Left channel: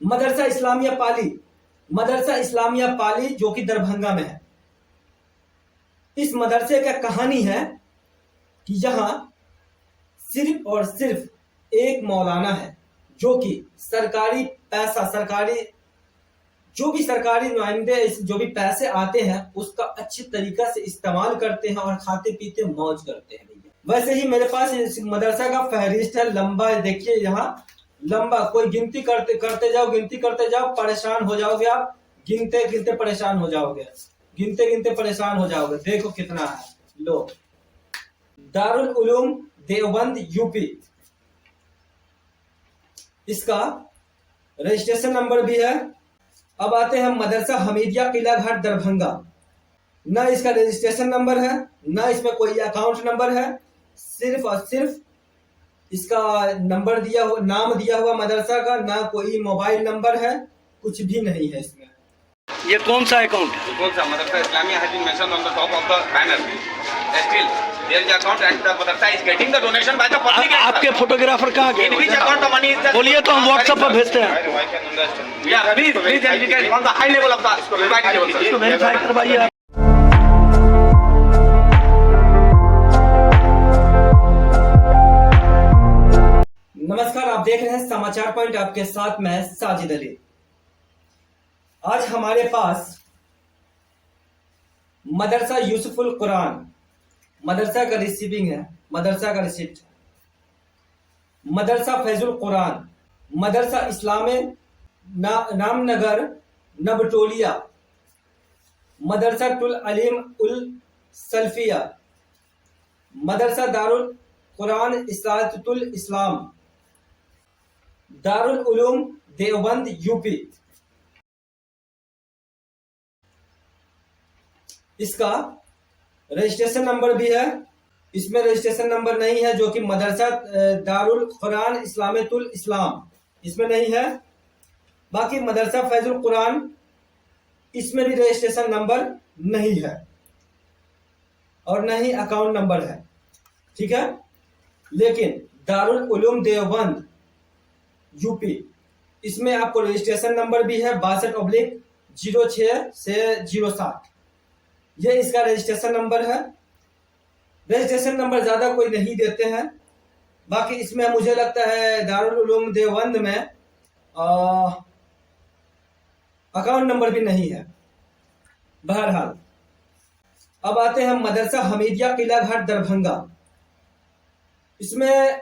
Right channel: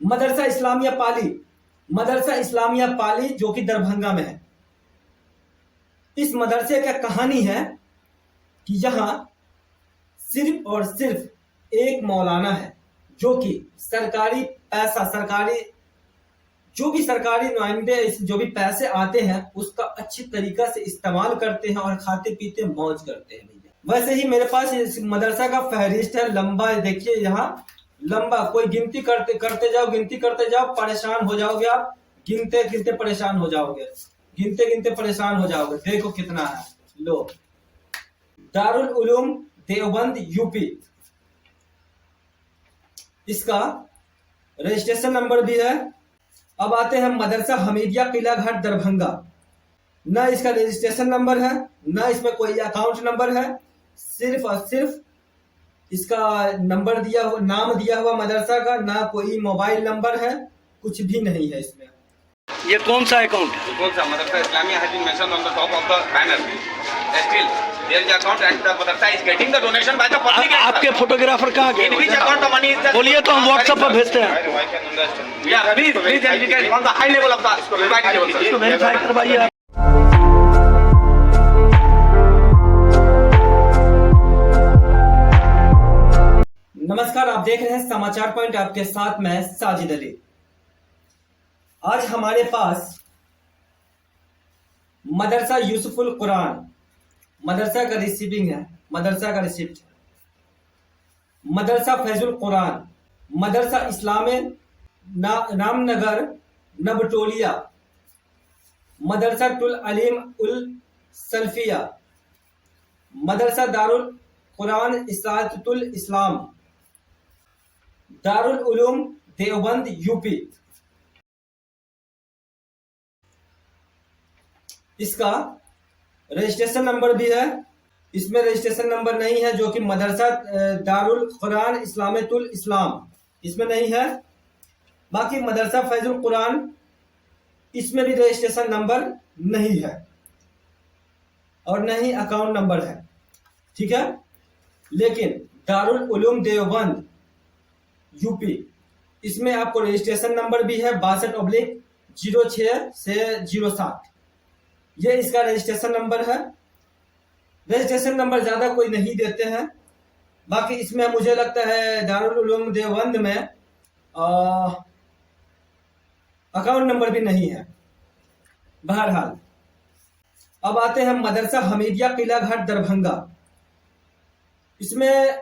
मदरसा इस्लामिया पाली, मदरसा इस्लामिया पाली जो कि दरभंगा में है। इस मदरसे का कहानी है कि यहाँ सिर्फ और सिर्फ एक मौलाना है जो कि सरकारी पैसा, सरकारी जो भी सरकारी नुमाइंदे जो भी पैसे आते हैं उसका अच्छी तरीका से इस्तेमाल करते हैं और खाते पीते मौज करते हैं। वैसे ही मेरे पास इस मदरसा का फहरिस्त है, लंबा है, देखिए यहाँ लंबा, कोई गिनती करते जाओ, गिनती करते जाओ, परेशान हो जाओगे आप, गिनते गिनते परेशान हो जाओगे, गिनते गिनते परेशान हो जाओगे। देखो कितना है। लो, दारुल उलूम देवबंद यूपी, इसका रजिस्ट्रेशन नंबर भी है। अब आते हैं मदरसा हमीदिया किला घाट दरभंगा, ना इसका रजिस्ट्रेशन नंबर है, ना इसमें कोई अकाउंट नंबर है, सिर्फ और सिर्फ इसका नंबर दिया हुआ, नाम दिया हुआ मदरसा का, ना कोई मोबाइल नंबर है, कुछ भी नहीं है इसमें। ये कौन सा अकाउंट है? कौन सा? मदरसा Islamia has been mentioned on the top of the banner. Still, there is the account and the madrasa is getting the donation by the public. आपके फोटोग्राफर कहाँ In which गए? account the money is there? बोलिए तो हम WhatsApp पर भेजते हैं। I can understand. Yeah, please indicate on the high level of the society level. इसको वेरीफाई करवाइए आप। नमस्कार, आप देख रहे हैं समाचार पॉइंट, आपके साथ मैं साजिद अली। आज हमारे पास मदरसा यूसुफुल कुरान, मदरसा का रिसीविंग है, मदरसा का रिसिप्ट है। मदरसा फैजुल कुरान, मदरसा इस्लामे नामनगर नबटोलिया, मदरसा टुल अलीम उल सल्फिया, मदरसा दारुल कुरान इस्लातुल इस्लाम, दारुल उलूम देवबंद यूपी। इसका रजिस्ट्रेशन नंबर भी है। इसमें रजिस्ट्रेशन नंबर नहीं है जो कि मदरसा दारुल कुरान इस्लामतुल इस्लाम, इसमें नहीं है। बाकी मदरसा फैजुल कुरान, इसमें भी रजिस्ट्रेशन नंबर नहीं है और न ही अकाउंट नंबर है, ठीक है। लेकिन दारुल उलूम देवबंद यूपी, इसमें आपको रजिस्ट्रेशन नंबर भी है 62/06 से 07, ये इसका रजिस्ट्रेशन नंबर है। रजिस्ट्रेशन नंबर ज्यादा कोई नहीं देते हैं। बाकी इसमें मुझे लगता है दारुल उलूम देवबंद में अकाउंट नंबर भी नहीं है। बहरहाल, अब आते हैं मदरसा हमीदिया किला घाट दरभंगा। इसमें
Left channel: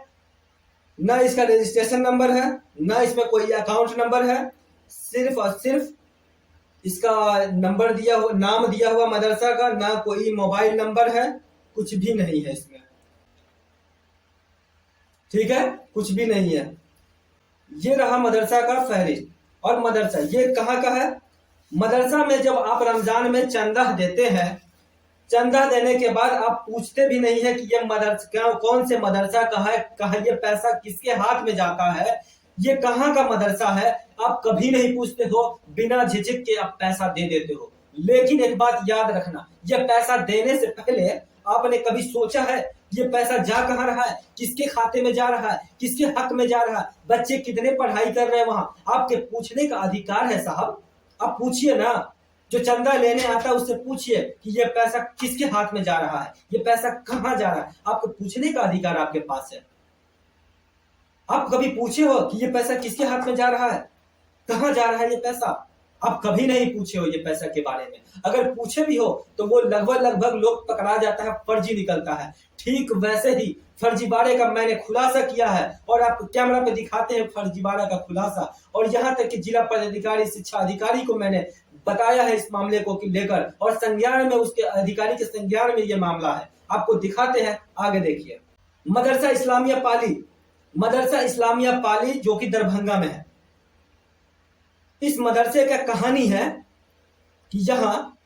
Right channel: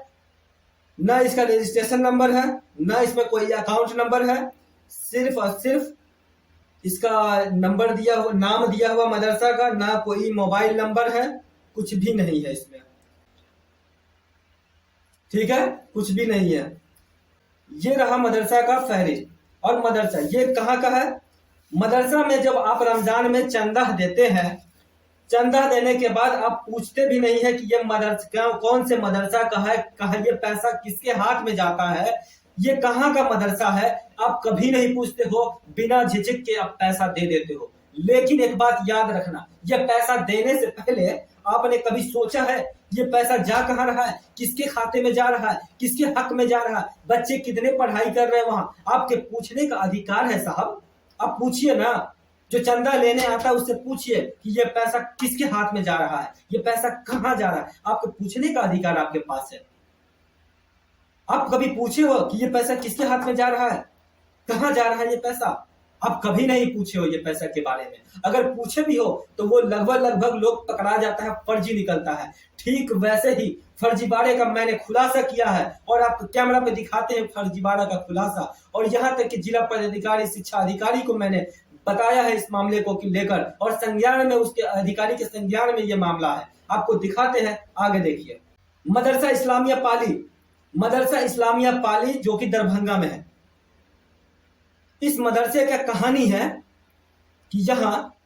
ना इसका रजिस्ट्रेशन नंबर है, ना इसमें कोई अकाउंट नंबर है, सिर्फ और सिर्फ इसका नंबर दिया हुआ, नाम दिया हुआ मदरसा का, ना कोई मोबाइल नंबर है, कुछ भी नहीं है इसमें, ठीक है, कुछ भी नहीं है। ये रहा मदरसा का फहरिस्त। और मदरसा ये कहाँ का है? मदरसा में जब आप रमजान में चंदा देते हैं, चंदा देने के बाद आप पूछते भी नहीं है कि ये मदरसा कौन से मदरसा का है, कहा ये पैसा किसके हाथ में जाता है, ये कहाँ का मदरसा है, आप कभी नहीं पूछते हो, बिना झिझक के आप पैसा दे देते हो। लेकिन एक बात याद रखना, ये पैसा देने से पहले आपने कभी सोचा है ये पैसा जा कहाँ रहा है, किसके खाते में जा रहा है, किसके हक में जा रहा है, बच्चे कितने पढ़ाई कर रहे हैं वहां, आपके पूछने का अधिकार है साहब। आप पूछिए ना, जो चंदा लेने आता है उससे पूछिए कि ये पैसा किसके हाथ में जा रहा है, ये पैसा कहाँ जा रहा है, आपको पूछने का अधिकार आपके पास है। आप कभी पूछे हो कि ये पैसा किसके हाथ में जा रहा है, कहाँ जा रहा है ये पैसा? आप कभी नहीं पूछे हो ये पैसा के बारे में। अगर पूछे भी हो तो वो लगभग लोग पकड़ा जाता है, फर्जी निकलता है। ठीक वैसे ही फर्जीवाड़े का मैंने खुलासा किया है और आप कैमरा पे दिखाते हैं फर्जीवाड़ा का खुलासा। और यहाँ तक कि जिला पदाधिकारी, शिक्षा अधिकारी को मैंने बताया है इस मामले को लेकर, और संज्ञान में उसके अधिकारी के संज्ञान में ये मामला है। आपको दिखाते हैं, आगे देखिए। मदरसा इस्लामिया पाली, मदरसा इस्लामिया पाली जो कि दरभंगा में है। इस मदरसे का कहानी है कि यहाँ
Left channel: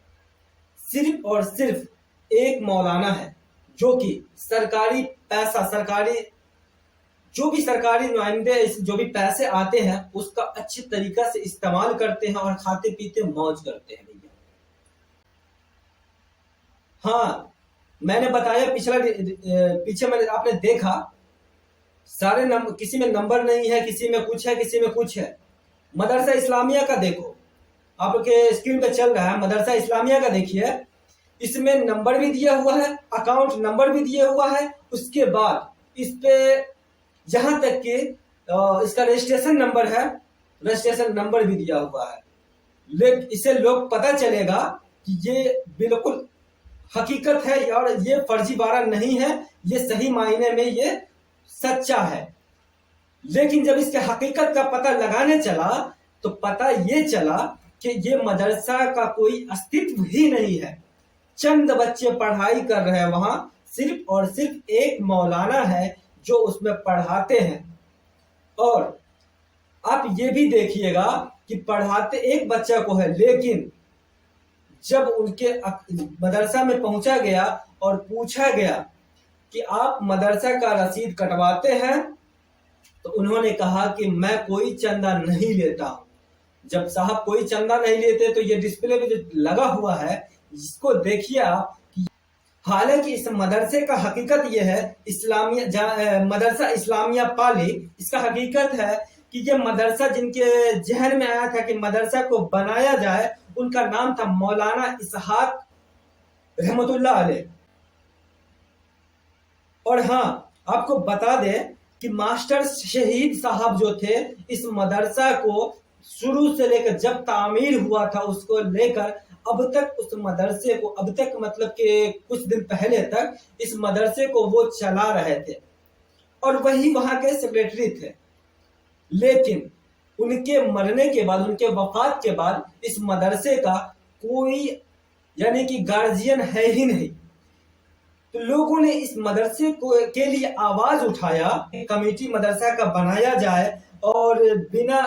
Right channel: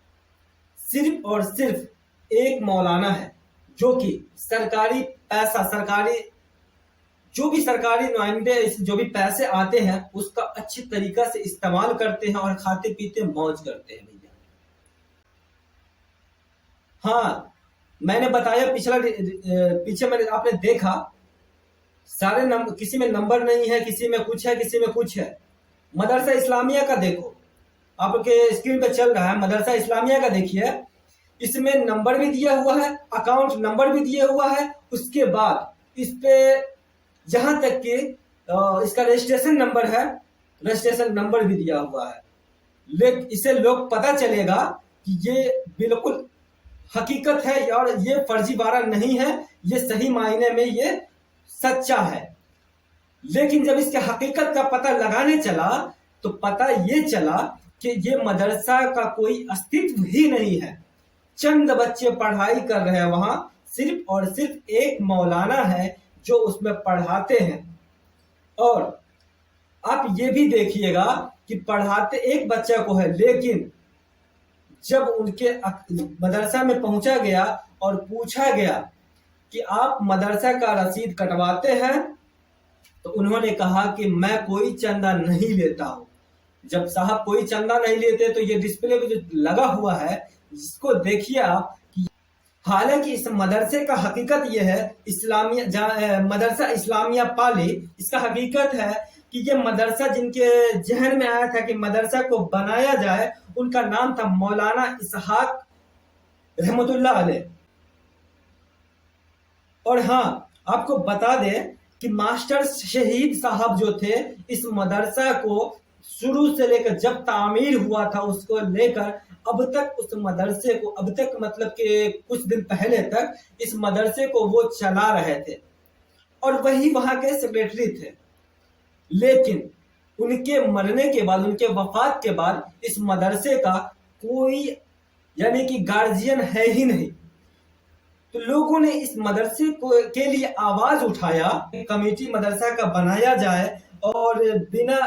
सिर्फ और सिर्फ एक मौलाना है जो कि सरकारी पैसा, सरकारी जो भी सरकारी नुमाइंदे जो भी पैसे आते हैं उसका अच्छी तरीका से इस्तेमाल करते हैं और खाते पीते मौज करते हैं भैया। हाँ, मैंने बताया पीछे मैंने आपने देखा सारे नंबर, किसी में नंबर नहीं है, किसी में कुछ है, किसी में कुछ है। मदरसा इस्लामिया का देखो, आपके स्क्रीन पे चल रहा है मदरसा इस्लामिया का, देखिए इसमें नंबर भी दिया हुआ है, अकाउंट नंबर भी दिया हुआ है। उसके बाद इस पे जहां तक कि इसका रजिस्ट्रेशन नंबर है, रजिस्ट्रेशन नंबर भी दिया हुआ है। लेकिन इसे लोग पता चलेगा कि ये बिल्कुल हकीकत है और ये फर्जीवाड़ा नहीं है, ये सही मायने में ये सच्चा है। लेकिन जब इसके हकीकत का पता लगाने चला तो पता ये चला कि ये मदरसा का कोई अस्तित्व ही नहीं है। चंद बच्चे पढ़ाई कर रहे हैं वहां, सिर्फ और सिर्फ एक मौलाना है जो उसमें पढ़ाते हैं। और आप ये भी देखिएगा कि पढ़ाते एक बच्चा को है, लेकिन जब उनके मदरसा में पहुंचा गया और पूछा गया कि आप मदरसा का रसीद कटवाते हैं, तो उन्होंने कहा कि मैं कोई चंदा नहीं लेता हूं। जब साहब कोई चंदा नहीं लेते तो ये डिस्प्ले पे जो लगा हुआ है इसको देखिए आप। हालांकि इस मदरसे का हकीकत ये है, इस्लामिया मदरसा इस्लामिया पाली, इसका हकीकत है कि ये मदरसा जिनके जहन में आया था कि मदरसा को बनाया जाए, उनका नाम था मौलाना इसहाक रहमतुल्लाह अलैह। और हाँ, आपको बता दें कि मास्टर शहीद साहब जो थे, इस मदरसा को शुरू से लेकर जब तामीर हुआ था उसको लेकर अब तक उस मदरसे को, अब तक मतलब कि कुछ दिन पहले तक इस मदरसे को वो चला रहे थे और वही वहां के सेक्रेटरी थे। लेकिन उनके मरने के बाद, उनके वफात के बाद इस मदरसे का कोई यानी कि गार्जियन है ही नहीं। तो लोगों ने इस मदरसे को के लिए आवाज उठाया, कमेटी मदरसा का बनाया जाए और बिना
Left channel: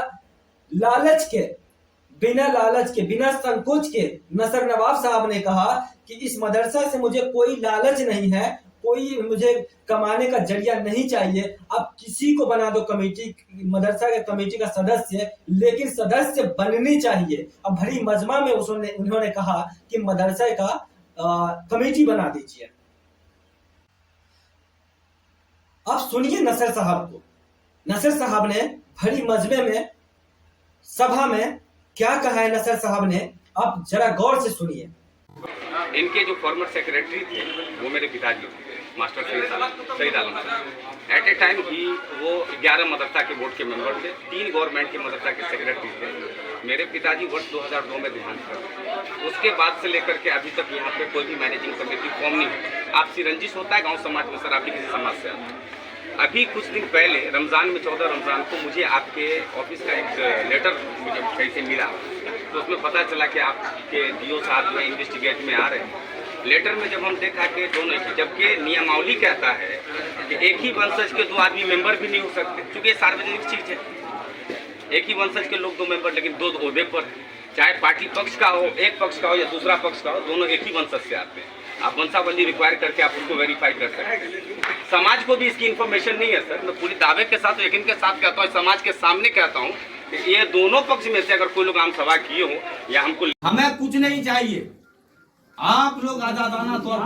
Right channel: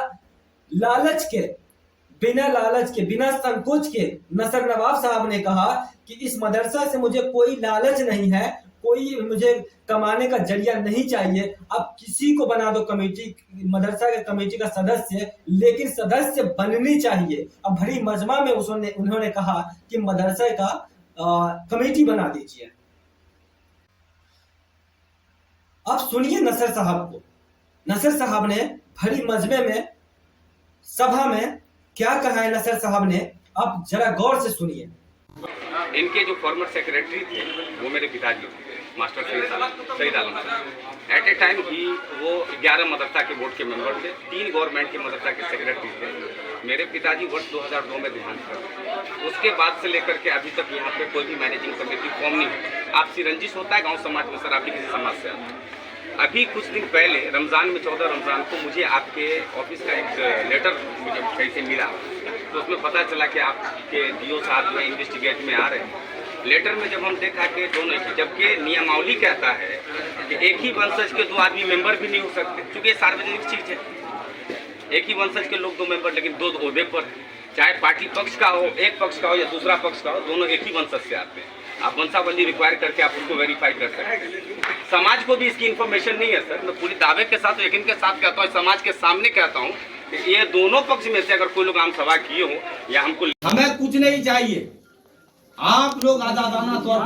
लालच के, बिना संकोच के नसर नवाब साहब ने कहा कि इस मदरसा से मुझे कोई लालच नहीं है, कोई मुझे कमाने का जरिया नहीं चाहिए। आप किसी को बना दो कमेटी, मदरसा के कमेटी का सदस्य, लेकिन सदस्य बननी चाहिए। अब भरी मजमा में उन्होंने कहा कि मदरसा का कमेटी बना दीजिए। अब सुनिए नसर साहब को। नसर साहब ने भरी मजमे में, सभा में क्या कहा है नसर साहब ने, आप जरा गौर से सुनिए। इनके जो फॉर्मर सेक्रेटरी थे वो मेरे पिताजी थे, मास्टर सईद आलम साहब। एट ए टाइम ही वो 11 मदरसा के बोर्ड के मेंबर थे, 3 गवर्नमेंट के मदरसा के सेक्रेटरी थे। मेरे पिताजी वर्ष 2002 में देहांत कर, उसके बाद से लेकर के अभी तक यहाँ पे कोई भी मैनेजिंग कमेटी फॉर्म नहीं हुई। आपसी रंजिश होता है गाँव समाज में, सर आप भी किसी समाज से आते हैं। अभी कुछ दिन पहले रमज़ान में 14 रमज़ान को मुझे आपके ऑफिस का एक लेटर मुझे कहीं से मिला, तो उसमें पता चला कि आपके डीओ साहब जो है इन्वेस्टिगेट में आ रहे हैं। लेटर में जब हम देखा कि दोनों ही, जबकि नियमावली कहता है कि एक ही वंशज के 2 आदमी मेंबर भी नहीं हो सकते, क्योंकि ये सार्वजनिक चीज़ है। एक ही वंशज के लोग 2 मेंबर, लेकिन 2 ओहदे पर, चाहे पार्टी पक्ष का हो, एक पक्ष का हो या दूसरा पक्ष का हो, दोनों एक ही वंशज से आते हैं। आप वंशावली रिक्वायर करके आप उसको वेरीफाई कर सकते हैं। समाज को भी इसकी इन्फॉर्मेशन नहीं है सर। मैं पूरी दावे के साथ, यकीन के साथ कहता हूँ, समाज के सामने कहता हूँ कि ये दोनों पक्ष में से अगर कोई लोग आम सभा किए हो या हमको, हमें कुछ नहीं चाहिए। आप लोग आजादाना तौर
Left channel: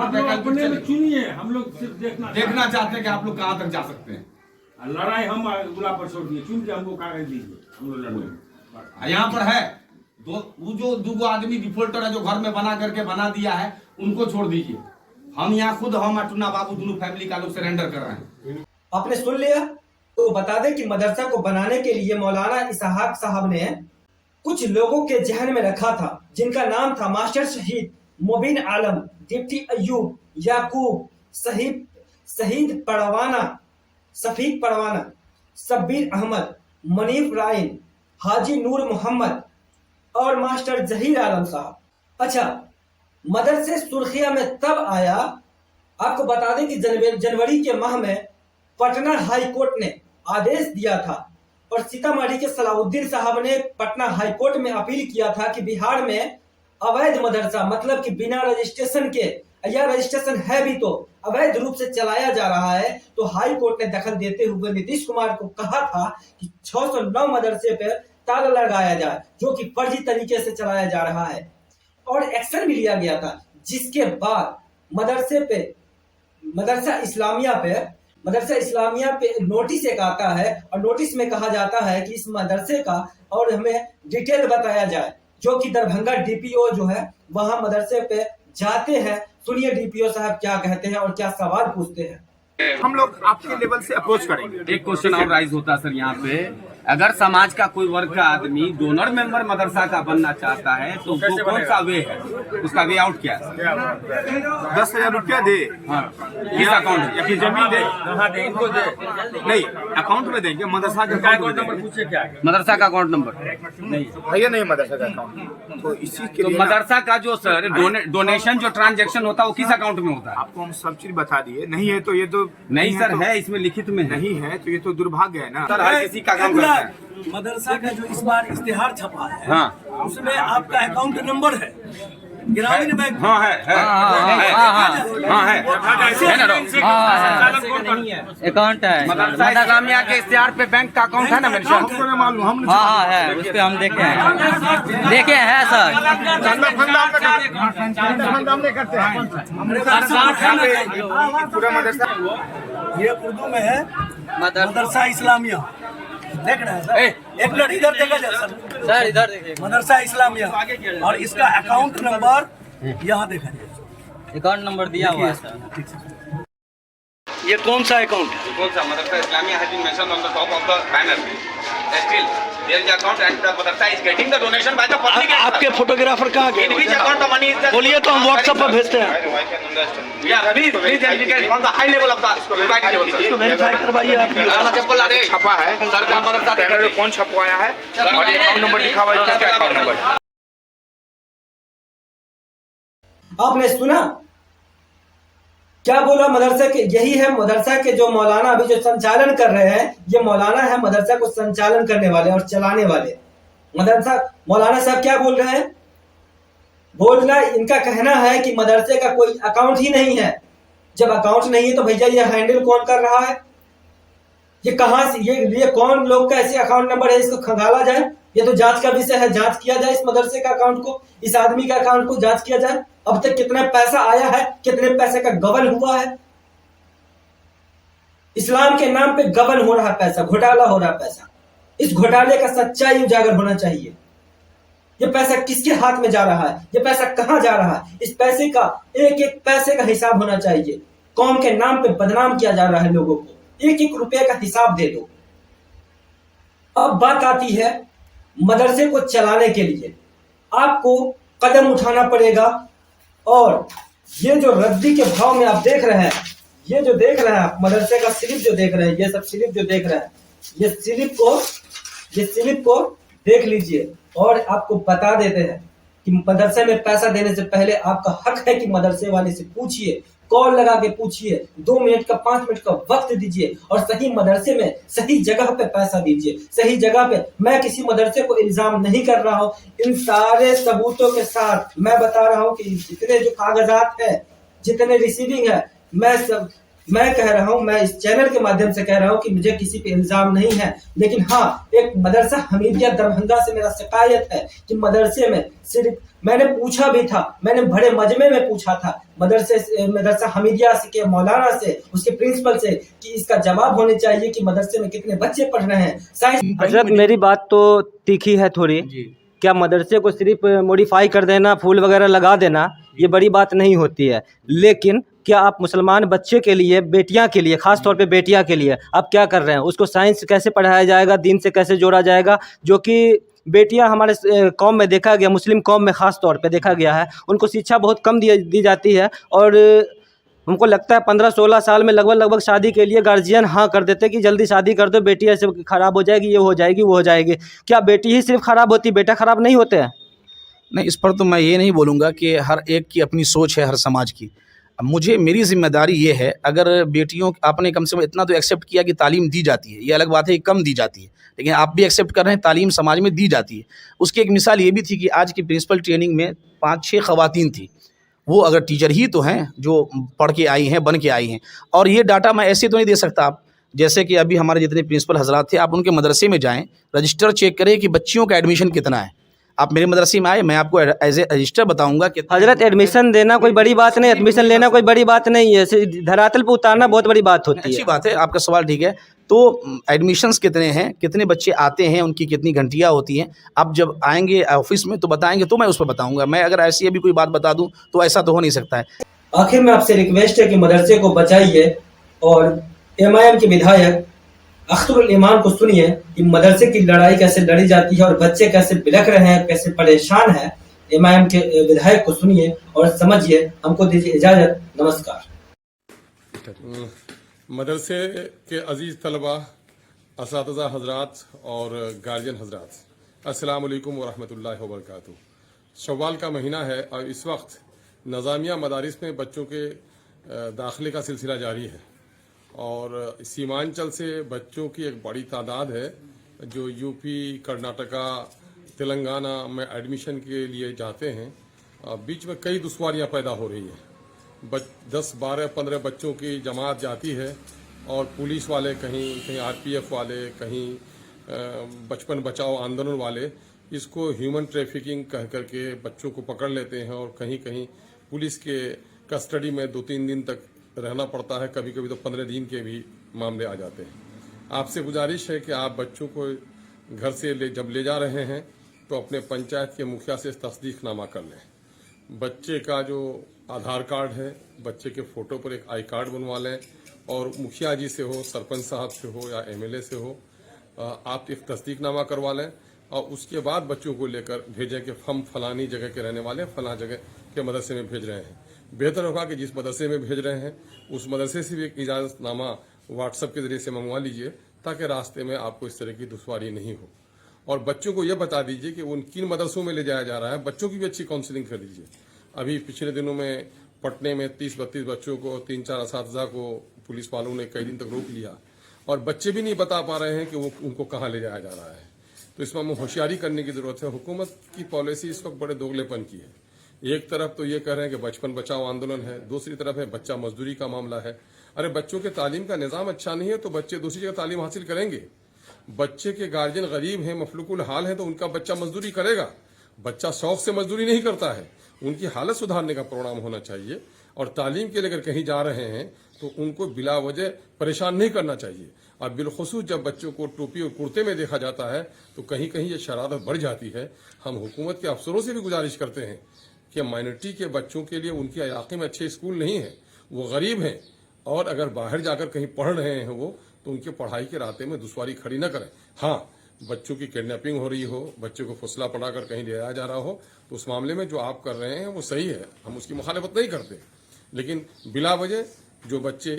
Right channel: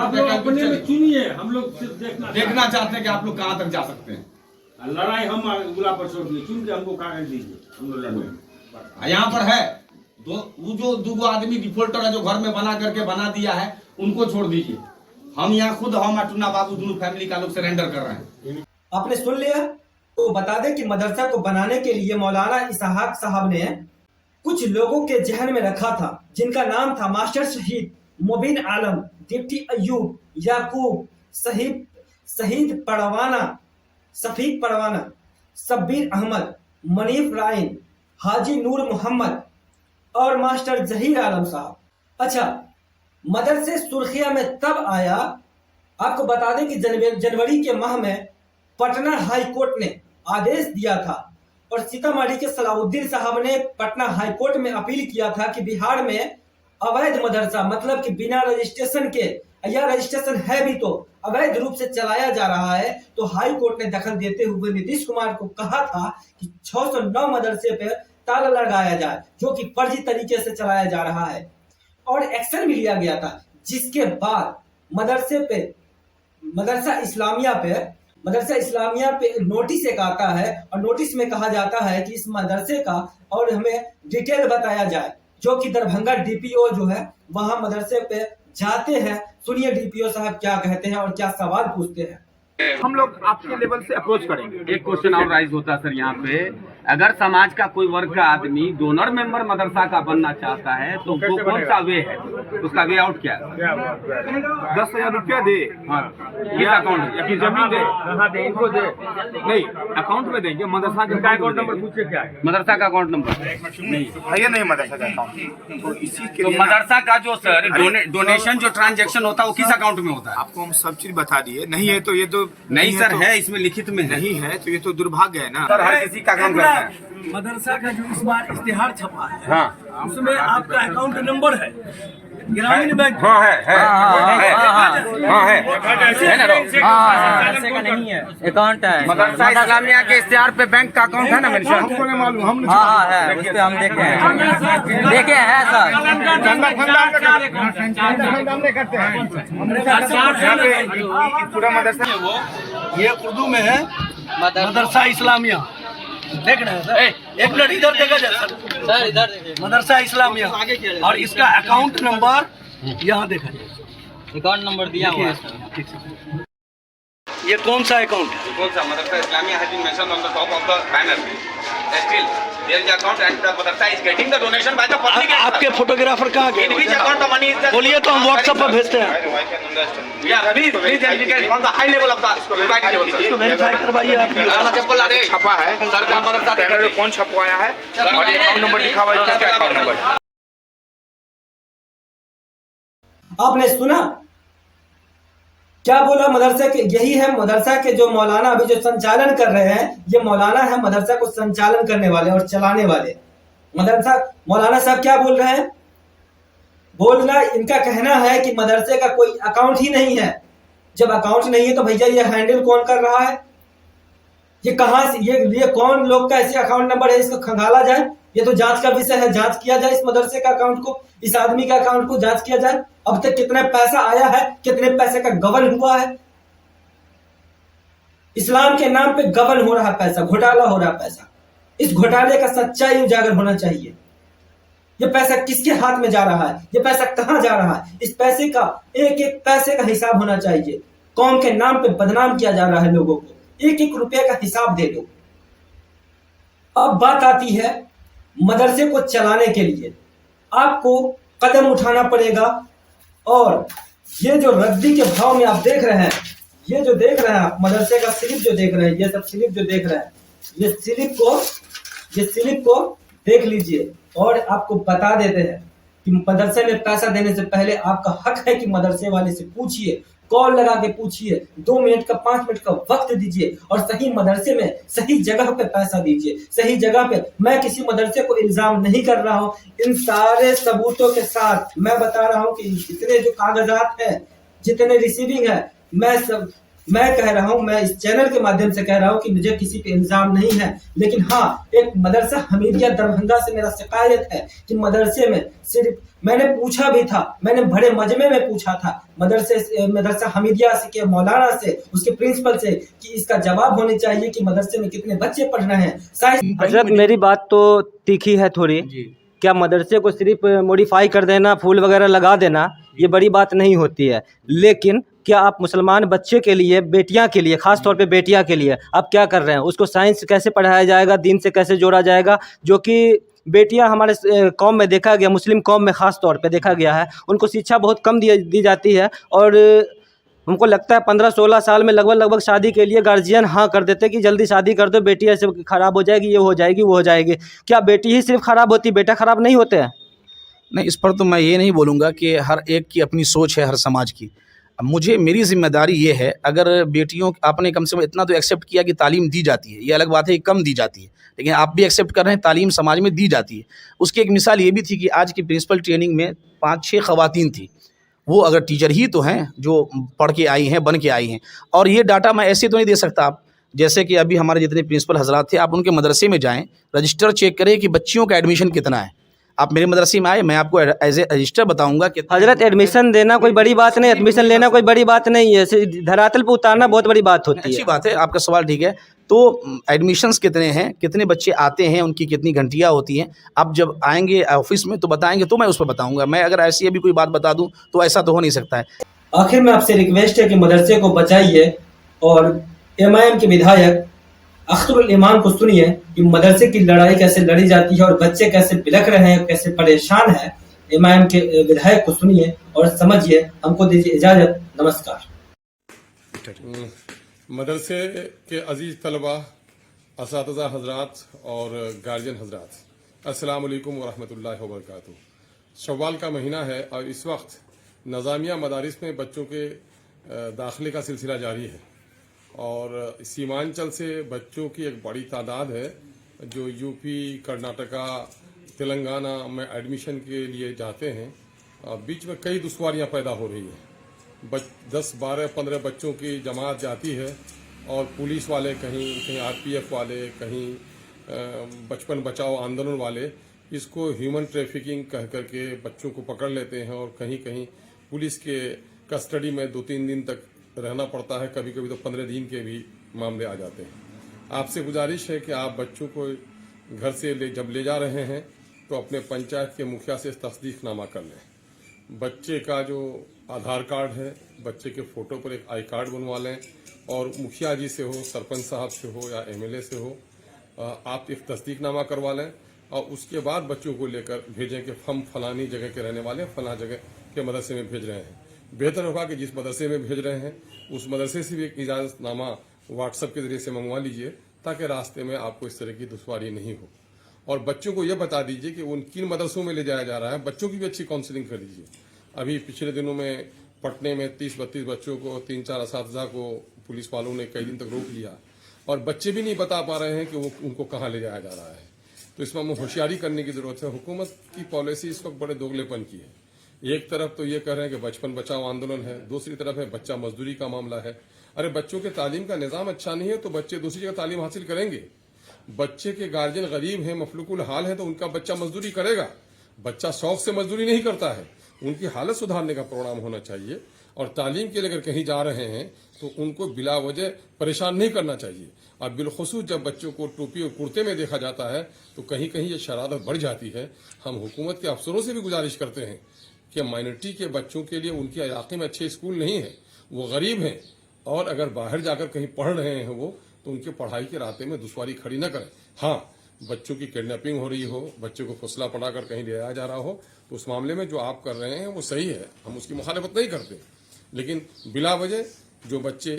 पर चुनिए, हम लोग सिर्फ देखना चाहते हैं कि आप लोग कहाँ तक जा सकते हैं। लड़ाई हम गुलाब पर छोड़ दिए, चुन के हमको कागज दीजिए, हम लोग लड़ेंगे। यहाँ पर है वो जो 2 आदमी डिफॉल्टर है जो घर में बना करके बना दिया है, उनको छोड़ दीजिए। हम यहाँ खुद, हम टुन्ना बाबू दोनों फैमिली का लोग सरेंडर कर रहे हैं। आपने सुन लिया। तो बता दें कि मदरसा को बनाने के लिए मौलाना इसहाक साहब ने कुछ लोगों के जहन में रखा था, जिनका नाम था मास्टर शहीद मोबिन आलम, डिप्टी अयूब, याकूब, शहीद परवाना, सफीक परवाना, शब्बीर अहमद, मनीफ राइन, हाजी नूर मोहम्मद और मास्टर जहीर आलम साहब। अच्छा, मदरसे सुर्खिया में तब आया, आपको बता दें कि जनवरी के माह में पटना हाई कोर्ट ने आदेश दिया था और सीतामढ़ी के सलाउद्दीन साहब ने पटना हाई कोर्ट में अपील किया था कि बिहार में अवैध मदरसा, मतलब कि बिना रजिस्ट्रेशन के, या रजिस्ट्रेशन है भी तो अवैध रूप से चलाया जा रहा है। तो हाई कोर्ट ने दखल देते हुए नीतीश कुमार को कहा था कि 609 मदरसे पर ताला लगाया जाए, जो कि फर्जी तरीके से चलाया जा रहा है, और एक्शन भी लिया गया था। जिसके बाद मदरसा इस्लामिया पे मदरसा इस्लामिया पे नोटिस एक आता है और नोटिस में कहा जाता है कि इस मदरसे का और हमें डिटेल बताया जाए, जो कि दरभंगा डीपीओ जो है वहां मदरसे पे जाते हैं। सुनिए डीपीओ साहब क्या कहते हैं और क्या सवाल पूछते हैं। हम लोग आपके लेवल से अप्रोच करेंगे। एक क्वेश्चन और राइज होता है सर यहाँ पे, अगर समाज का कोई वर्ग का आदमी डोनर मेंबर मदरसा का बनना चाहता है तो वो कौन सा वे है, उसका वे आउट क्या है? 10,000 रुपया दे, ये अकाउंट या फिर जमीन दे, नहीं अकाउंट में देंगे, मदरसा का अकाउंट में देंगे। मदरसा का अकाउंट नंबर है ये नहीं मदरसा का अकाउंट, तो इसी के तो लिए मदरसा का जो सर डोनेशन जो ट्रांजैक्शन होता है वो किस अकाउंट में होता है? आपको हम सब चीज बता दिए। नहीं है तो ये तो नहीं सर, तो, है इसमें लिखित में है। नहीं है तो ये तो दुर्भाग्य है ना सर, हर किसी का काम करता है। मदरसा का जो इस बार इश्तेहार छपा है, हाँ उसमें आपका अकाउंट नंबर है ग्रामीण बैंक। हाँ है अकाउंट है मदरसा इस्लामिया के इश्तेहार पे बैंक का अकाउंट है ना मेंशन? हमको नहीं मालूम, हम हाँ है, उस पे हम देखे हैं सर। चंदा फंदा हम नहीं करते हैं। पूरा मदरसा ये उर्दू में है मदरसा इस्लामिया। देख रहे हैं सर, एक मिनट इधर देखा जाए सर इधर देखिए, मदरसा इस्लामिया और इसका अकाउंट नंबर यहाँ देखा जाए। अकाउंट नंबर दिया हुआ है सर। ये कौन सा अकाउंट है? कौन सा? मदरसा Islamia has been mentioned on the top of the banner. Still, there is the account and the madrasa is getting the donation by the public. आपके फोटोग्राफर कहाँ In which गए? account the money is just... बोलिए तो हम WhatsApp पर भेजते हैं। Yeah, please indicate on the high level of the society level. इसको वेरीफाई करवाइए आप। काला चप्पल अरे छपा है, सरकार मदरसा कैमरे में कौन छपवाया है और अकाउंट नंबर लिखा हुआ है, क्या अकाउंट नंबर? आपने सुना क्या बोला? मदरसा के यही है, मदरसा के जो मौलाना अभी जो संचालन कर रहे हैं, ये मौलाना है मदरसा को संचालन करने वाले और चलाने वाले। मदरसा मौलाना साहब क्या बोल रहे हैं? बोलना इनका कहना है कि मदरसे का कोई अकाउंट ही नहीं है। जब अकाउंट नहीं है तो भैया ये हैंडल कौन कर रहा है? ये कहां से ये कौन लोग का ऐसे अकाउंट नंबर है? इसको खंगाला जाए, ये तो जांच का विषय है। जांच किया जाए इस मदरसे का अकाउंट को, इस आदमी का अकाउंट को जांच किया जाए। अब तक कितना पैसा आया है, कितने पैसे का गबन हुआ है। इस्लाम के नाम पे गबन हो रहा पैसा, घोटाला हो रहा पैसा। इस घोटाले का सच्चाई उजागर होना चाहिए। ये पैसा किसके हाथ में जा रहा है, ये पैसा कहां जा रहा है, इस पैसे का एक एक पैसे का हिसाब होना चाहिए। कौम के नाम पे बदनाम किया जा रहा है लोगों को, एक एक रुपया का हिसाब दे दो। अब बात आती है मदरसे को चलाने के लिए आपको कदम उठाना पड़ेगा। और ये जो रद्दी के भाव में आप देख रहे हैं, ये जो देख रहे हैं आप मदरसे का स्लिप जो देख रहे हैं, ये सब स्लिप जो देख रहे हैं, ये स्लिप को देख लीजिए। और आपको बता देते हैं कि मदरसे में पैसा देने से पहले आपका हक है कि मदरसे वाले से पूछिए, कॉल लगा के पूछिए, 2 मिनट का 5 मिनट का वक्त दीजिए और सही मदरसे में सही जगह पे पैसा दीजिए, सही जगह पे। मैं किसी मदरसे को इल्जाम नहीं कर रहा हूँ, इन सारे सबूतों के साथ मैं बता रहा हूँ कि जितने जो कागजात है, जितने रिसीविंग है, मैं कह रहा हूं, मैं इस चैनल के माध्यम से कह रहा हूं कि मुझे किसी पे इल्जाम नहीं है। लेकिन हाँ, एक मदरसा हमीदिया दरभंगा से मेरा शिकायत है कि मदरसे में सिर्फ मैंने पूछा भी था, मैंने बड़े मजमे में पूछा था मदरसा हमीदिया के मौलाना से, उसके प्रिंसिपल से, कि इसका जवाब होने चाहिए कि मदरसे में कितने बच्चे पढ़ रहे हैं। हजरत मेरी बात तो तीखी है थोड़ी। क्या मदरसे को सिर्फ मॉडिफाई कर देना, फूल वगैरह लगा देना, ये बड़ी बात नहीं होती है। लेकिन क्या आप मुसलमान बच्चे के लिए, बेटियां के लिए, ख़ास तौर पे बेटियां के लिए आप क्या कर रहे हैं? उसको साइंस कैसे पढ़ाया जाएगा, दीन से कैसे जोड़ा जाएगा? जो कि बेटियां हमारे कौम में देखा गया, मुस्लिम कौम में ख़ास तौर पे देखा गया है, उनको शिक्षा बहुत कम दी जाती है। और हमको लगता है 15-16 साल में लगभग शादी के लिए गार्जियन हाँ कर देते कि जल्दी शादी कर दो, बेटी ऐसे ख़राब हो जाएगी, ये हो जाएगी, वो हो जाएगी। क्या बेटी ही सिर्फ ख़राब होती, बेटा ख़राब नहीं होते हैं? नहीं, इस पर तो मैं ये नहीं बोलूँगा कि हर एक की अपनी सोच है, हर समाज की। मुझे मेरी जिम्मेदारी ये है, अगर बेटियों आपने कम से कम इतना तो एक्सेप्ट किया कि तालीम दी जाती है, ये अलग बात है कि कम दी जाती है, लेकिन आप भी एक्सेप्ट कर रहे हैं तालीम समाज में दी जाती है। उसकी एक मिसाल ये भी थी कि आज की प्रिंसिपल ट्रेनिंग में 5-6 ख़वातीन थी, वो अगर टीचर ही तो हैं जो पढ़ के आई हैं, बन के आई हैं। और ये डाटा मैं ऐसे तो नहीं दे सकता आप, जैसे कि अभी हमारे जितने प्रिंसिपल हजरात थे, आप उनके मदरसे में जाएँ, रजिस्टर चेक करें कि बच्चियों का एडमिशन कितना है। आप मेरे मदरसे में आए, मैं आपको एज ए रजिस्टर बताऊंगा कि हजरत एडमिशन देना कोई बड़ी बात नहीं, एडमिशन लेना कोई बड़ी बात नहीं है, धरातल पे उतारना बहुत बड़ी बात होती अच्छी है। बात है, आपका सवाल ठीक है। तो एडमिशन्स कितने हैं, कितने बच्चे आते हैं, उनकी कितनी घंटियाँ होती हैं, आप जब आएंगे ऑफिस में तो बताएंगे, तो मैं उस पर बताऊंगा। मैं अगर ऐसी अभी कोई बात बता दूं तो ऐसा तो हो नहीं सकता है। आखिर में आपसे रिक्वेस्ट है कि मदरसे को बचाइए और एमआईएम के विधायक अख्तरुल ईमान को सुनिए कि मदरसे की लड़ाई कैसे लड़ी जाती है और बच्चे कैसे बिलख रहे हैं, कैसे परेशान हैं। एमआईएम के विधायक को सुनिए और समझिए। हमको दीजिए इजाजत, नमस्कार। मदरसे के अजीज़ तलबा, असातिज़ा हज़रात और गार्जियन हज़रात, अस्सलाम वालेकुम व रहमतुल्लाहि व बरकातुहू। शव्वाल का महीना है और इस वक्त नज़ामिया मदारिस में बच्चों के दाखिले का सिलसिला जारी है और सीमांचल से बच्चों की एक बड़ी तादाद है जो यूपी, कर्नाटका, तेलंगाना में एडमिशन के लिए जाते हैं। बीच में कई दुश्वारियां पैदा हो रही है। 10, 12, 15 बच्चों की जमात जाती है और पुलिस वाले कहीं आरपीएफ वाले, कहीं बचपन बचाओ आंदोलन वाले इसको ह्यूमन ट्रैफिकिंग कह करके बच्चों को पकड़ लेते हैं और कहीं कहीं पुलिस के कस्टडी में 2-3 दिन तक रहना पड़ता है। कभी कभी तो 15 दिन के भी मामले आ जाते हैं। आपसे गुजारिश है कि आप बच्चों को घर से जब ले जा रहे हैं तो अपने पंचायत के मुखिया से तस्दीकनामा कर लें। बच्चे का जो आधार कार्ड है, बच्चे के फोटो पर एक आई कार्ड बनवा लें और मुखिया जी से हो, सरपंच साहब से हो या एमएलए से हो, आप एक तस्दीकनामा करवा लें और उसके बाद बच्चों को लेकर भेजें कि हम फलानी जगह के रहने वाले फला जगह के मदरसे में भेज रहे हैं। बेहतर होगा कि जिस मदरसे में भेज रहे हैं उस मदरसे से भी एक इजाजतनामा व्हाट्सएप के जरिए से मंगवा लीजिए ताकि रास्ते में आपको इस तरह की दुश्वारी नहीं हो। और बच्चों को यह बता दीजिए कि उन किन मदरसों में ले जाया जा रहा है। बच्चों की भी अच्छी काउंसलिंग कर दीजिए। अभी पिछले दिनों में पटने में 30-32 बच्चों को, 3-4 असातिज़ा को पुलिस वालों ने कई दिन तक रोक लिया और बच्चे भी नहीं बता पा रहे हैं कि वो उनको कहाँ ले जाया जा रहा है। तो इसमें हमें होशियारी करने की जरूरत है। हुकूमत की पॉलिसी इस वक्त बड़े दोगलेपन की है। एक तरफ तो ये कह रहे हैं कि बचपन बचाओ आंदोलन है, दूसरी तरफ है बच्चा मजदूरी का मामला है। अरे बच्चों के तालीम का निजाम अच्छा नहीं है तो बच्चे दूसरी जगह तालीम हासिल करेंगे। बच्चे के गार्जियन गरीब हैं, मफलूकुल हाल है तो उनका बच्चा मजदूरी करेगा। बच्चा शौक से मजदूरी नहीं करता है। उनकी हालत सुधारने का प्रोग्राम होना चाहिए और तालीम के लिए अगर कहीं जा रहे हैं तो उनको बिला वजह परेशान नहीं करना चाहिए। और बिलखुसूस जब बच्चों को टोपी और कुर्ते में देखा जाता है तो कहीं कहीं ये शरारत बढ़ जाती है। हम हुकूमत के अफसरों से भी गुजारिश करते हैं कि माइनॉरिटी के बच्चों के लिए उनके इलाके में अच्छे स्कूल नहीं है, वो गरीब हैं और अगर बाहर जाकर कहीं पढ़ रहे हैं वो तो उनके पढ़ाई के रास्ते में दुश्वारी खड़ी न करें। हाँ, बच्चों की किडनैपिंग हो रही हो, बच्चों को फुसला पढ़ाकर कहीं ले जाया जा रहा हो तो उस मामले में जो आप कर रहे हैं वो सही है, हम उसकी मुखालफत नहीं करते। लेकिन बिला वजह जो बच्चे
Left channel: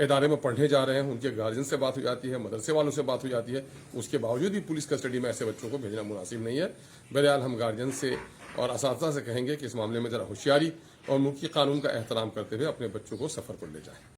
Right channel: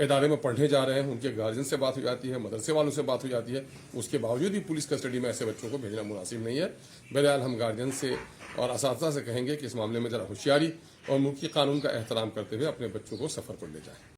इदारे में पढ़ने जा रहे हैं उनके गार्जियन से बात हो जाती है, मदरसे वालों से बात हो जाती है, उसके बावजूद भी पुलिस कस्टडी में ऐसे बच्चों को भेजना मुनासिब नहीं है। बहरहाल हम गार्जियन से और असातिज़ा से कहेंगे कि इस मामले में जरा होशियारी और मुल्की कानून का एहतराम करते हुए अपने बच्चों को सफर पर ले जाएं।